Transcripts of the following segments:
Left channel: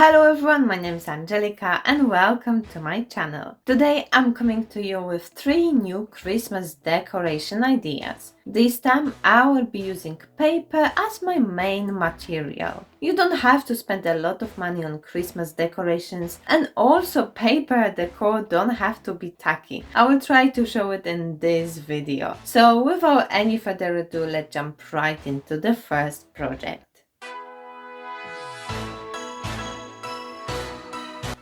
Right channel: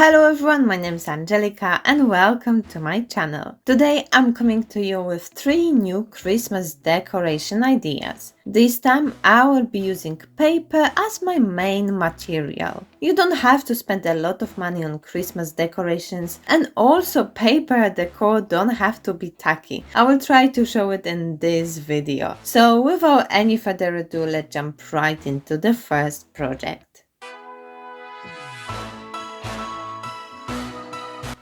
Hello everyone, my name is Angelica and welcome to my channel. Today I'm coming to you with 3 new Christmas decoration ideas. This time I will be using paper as my main material. You don't have to spend a lot of money on Christmas decorations, and also paper decor don't have to be tacky. I will try to show it in this video. So without any further ado, let's jump right into the first project.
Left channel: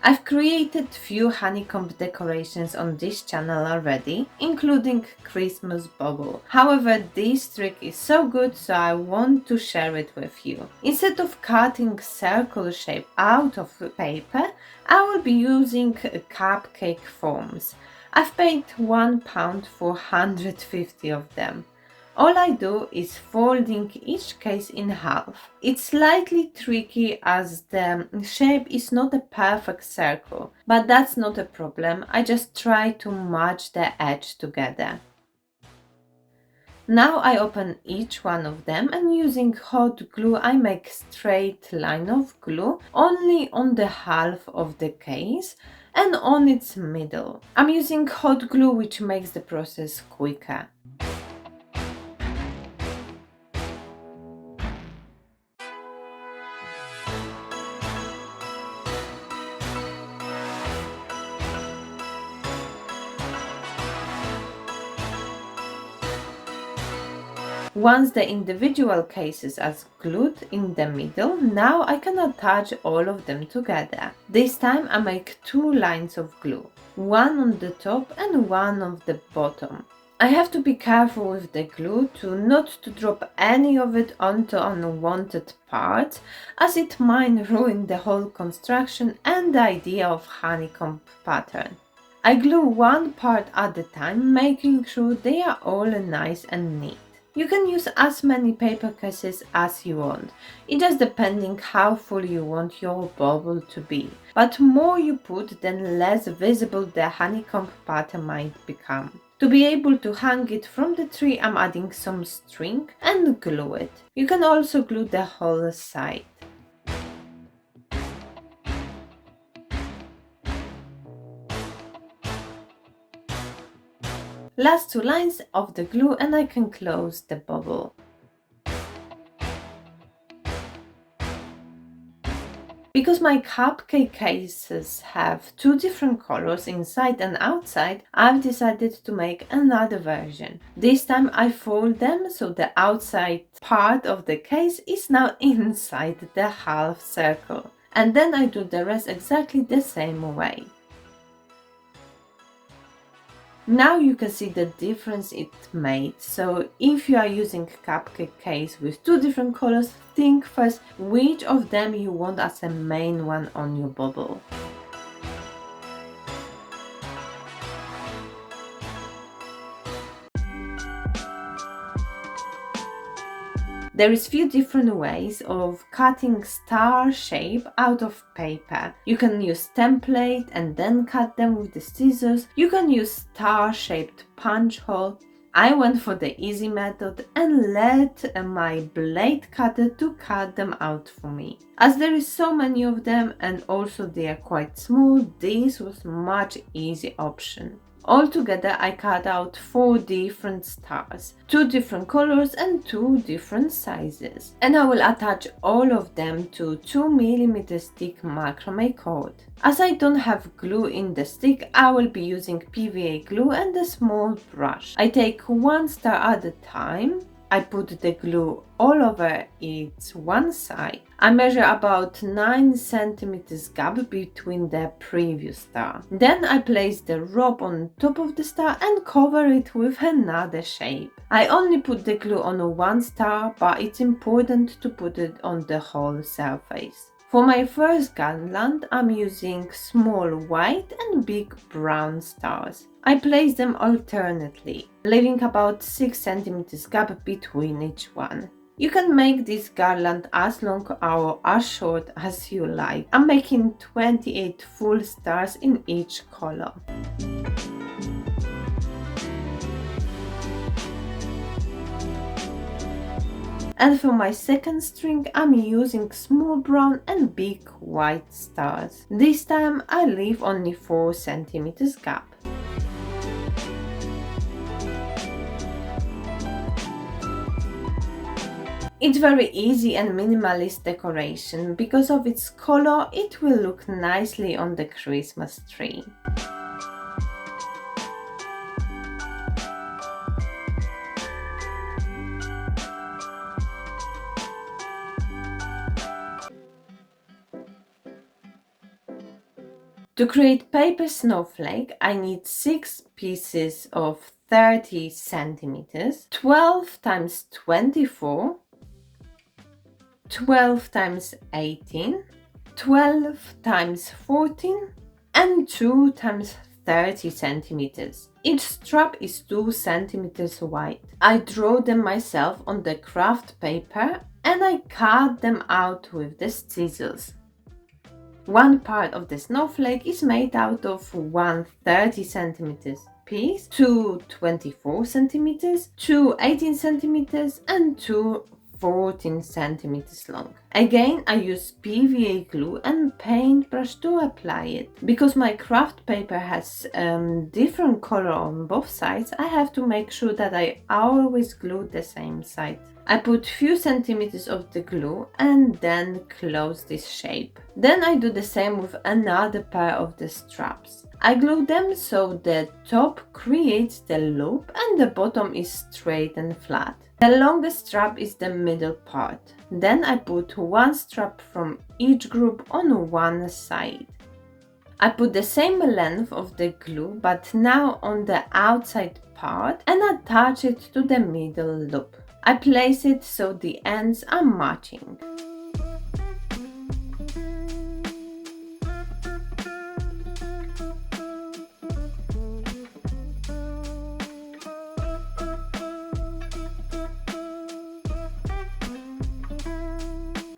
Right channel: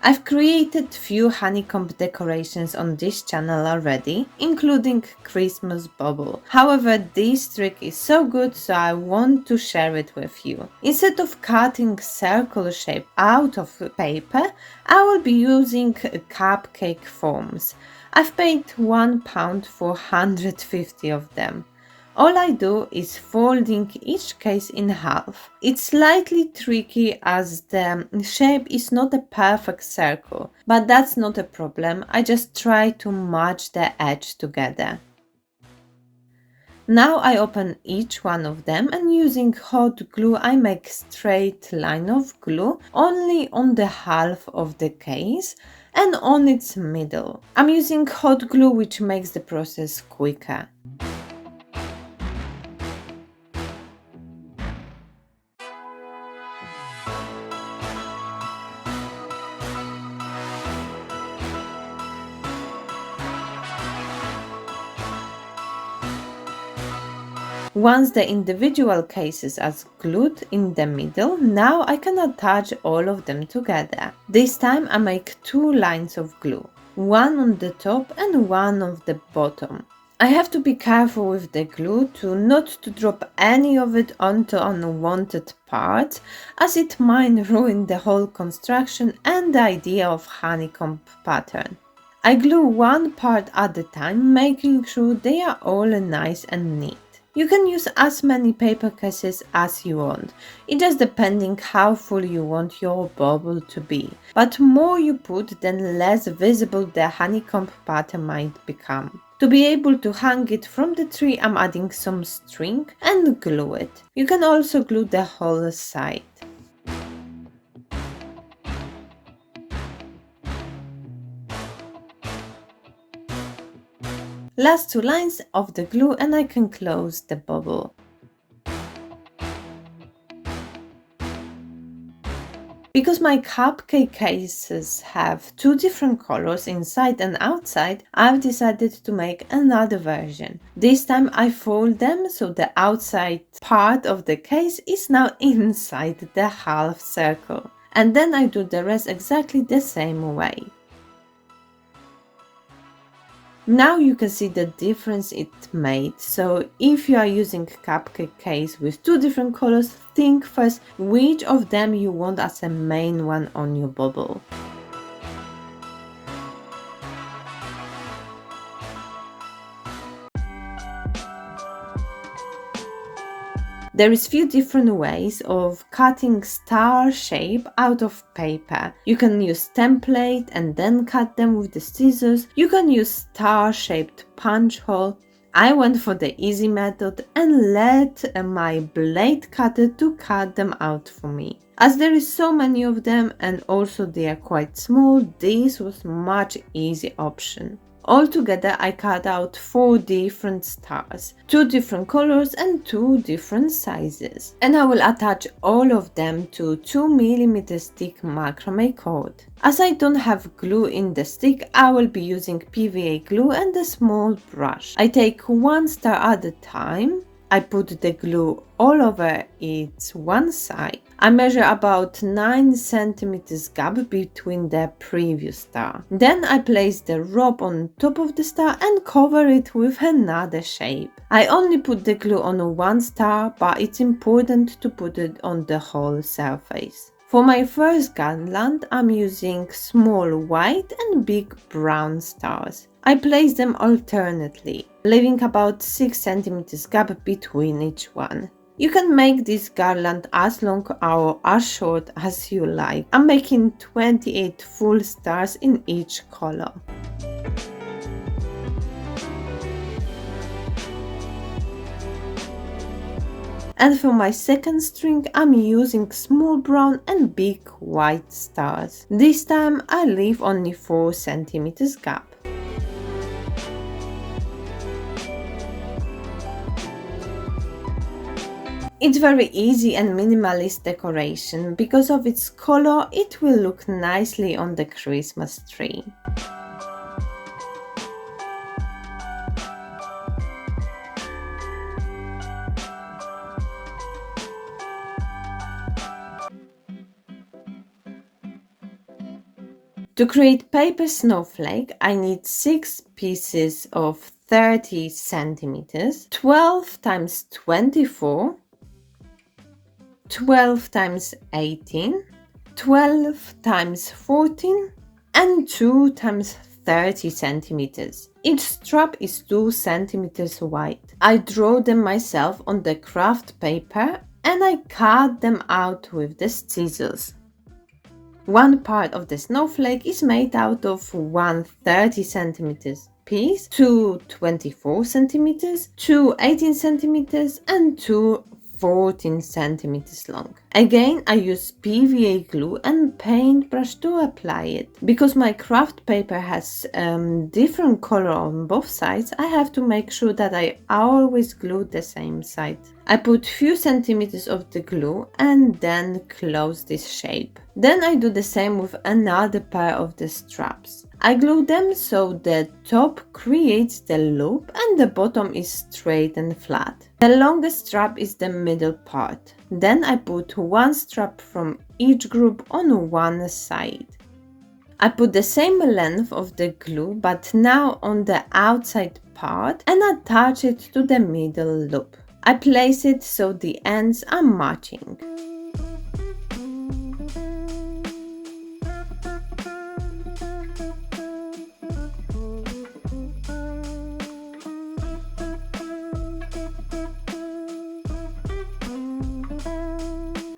I've created few honeycomb decorations on this channel already, including Christmas bauble. However, this trick is so good, so I want to share it with you. Instead of cutting circle shape out of paper, I will be using cupcake forms. I've paid £1 for 150 of them. All I do is folding each case in half. It's slightly tricky as the shape is not a perfect circle, but that's not a problem. I just try to match the edge together. Now I open each one of them, and using hot glue I make straight line of glue only on the half of the case and on its middle. I'm using hot glue, which makes the process quicker. Once the individual cases are glued in the middle, now I can attach all of them together. This time I make 2 lines of glue, one on the top and one on the bottom. I have to be careful with the glue not to drop any of it onto unwanted parts, as it might ruin the whole construction and the idea of honeycomb pattern. I glue one part at a time, making sure they are all nice and neat. You can use as many paper cases as you want, it just depending how full you want your bauble to be. But more you put, then less visible the honeycomb pattern might become. To be able to hang it from the tree, I'm adding some string and glue it. You can also glue the whole side. Last 2 lines of the glue and I can close the bubble. Because my cupcake cases have 2 different colors inside and outside, I've decided to make another version. This time I fold them so the outside part of the case is now inside the half circle. And then I do the rest exactly the same way. Now you can see the difference it made. So if you are using cupcake case with 2 different colors, think first which of them you want as a main one on your bauble. There is few different ways of cutting star shape out of paper. You can use template and then cut them with the scissors. You can use star shaped punch hole. I went for the easy method and let my blade cutter to cut them out for me. As there is so many of them and also they are quite small, this was much easy option. Altogether, I cut out 4 different stars, 2 different colors and 2 different sizes. And I will attach all of them to 2mm stick macrame cord. As I don't have glue in the stick, I will be using PVA glue and a small brush. I take 1 star at a time. I put the glue all over its one side. I measure about 9 cm gap between the previous star. Then I place the rope on top of the star and cover it with another shape. I only put the glue on 1 star, but it's important to put it on the whole surface. For my first garland, I'm using small white and big brown stars. I place them alternately, leaving about 6 cm gap between each one. You can make this garland as long or as short as you like. I'm making 28 full stars in each color. And for my second string, I'm using small brown and big white stars. This time I leave only 4 centimeters gap. It's very easy and minimalist decoration. Because of its color, it will look nicely on the Christmas tree. To create paper snowflake, I need 6 pieces of 30 centimeters, 12 times 24, 12 times 18, 12 times 14, and 2 times 30 centimeters. Each strap is 2 centimeters wide. I draw them myself on the craft paper and I cut them out with the scissors. One part of the snowflake is made out of one 30 centimeters piece, 2 24 centimeters, 2 18 centimeters, and 2 14 centimeters long. Again, I use PVA glue and paintbrush to apply it. Because my craft paper has different color on both sides, I have to make sure that I always glue the same side. I put few centimeters of the glue and then close this shape. Then I do the same with another pair of the straps. I glue them so the top creates the loop and the bottom is straight and flat. The longest strap is the middle part. Then I put one strap from each group on one side. I put the same length of the glue but now on the outside part and attach it to the middle loop. I place it so the ends are matching.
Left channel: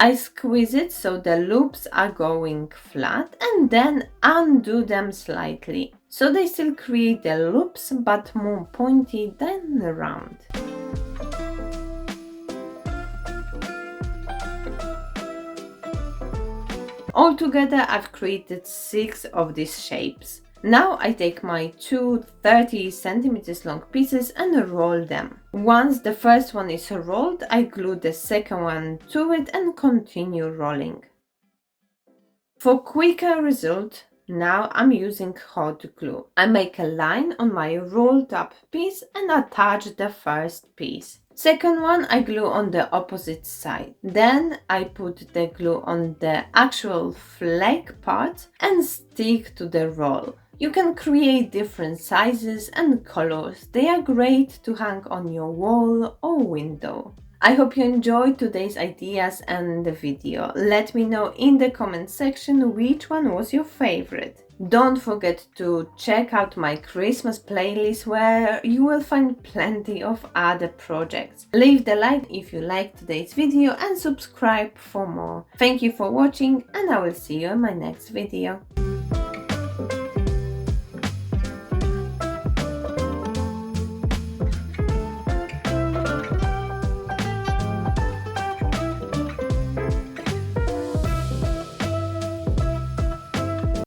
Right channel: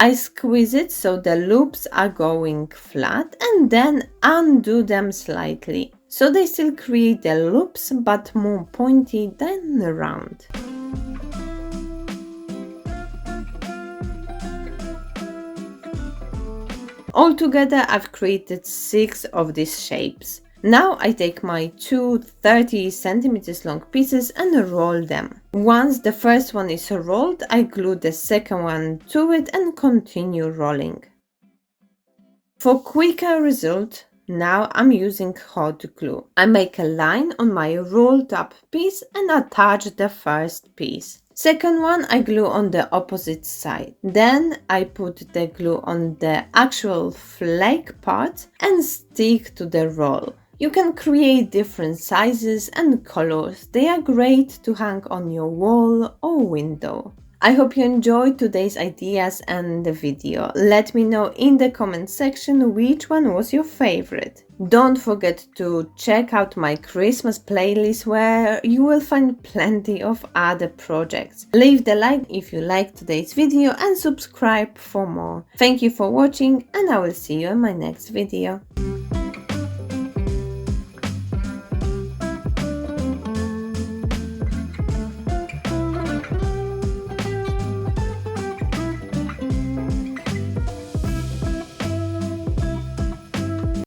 I squeeze it so the loops are going flat and then undo them slightly, so they still create the loops but more pointy than round. Altogether, I've created 6 of these shapes. Now I take my 2 30 centimeters long pieces and roll them. Once the first one is rolled, I glue the second one to it and continue rolling. For quicker result, now I'm using hot glue. I make a line on my rolled up piece and attach the first piece. Second one I glue on the opposite side. Then I put the glue on the actual flake part and stick to the roll. You can create different sizes and colors. They are great to hang on your wall or window. I hope you enjoyed today's ideas and the video. Let me know in the comment section which one was your favorite. Don't forget to check out my Christmas playlist where you will find plenty of other projects. Leave the like if you liked today's video and subscribe for more. Thank you for watching and I will see you in my next video.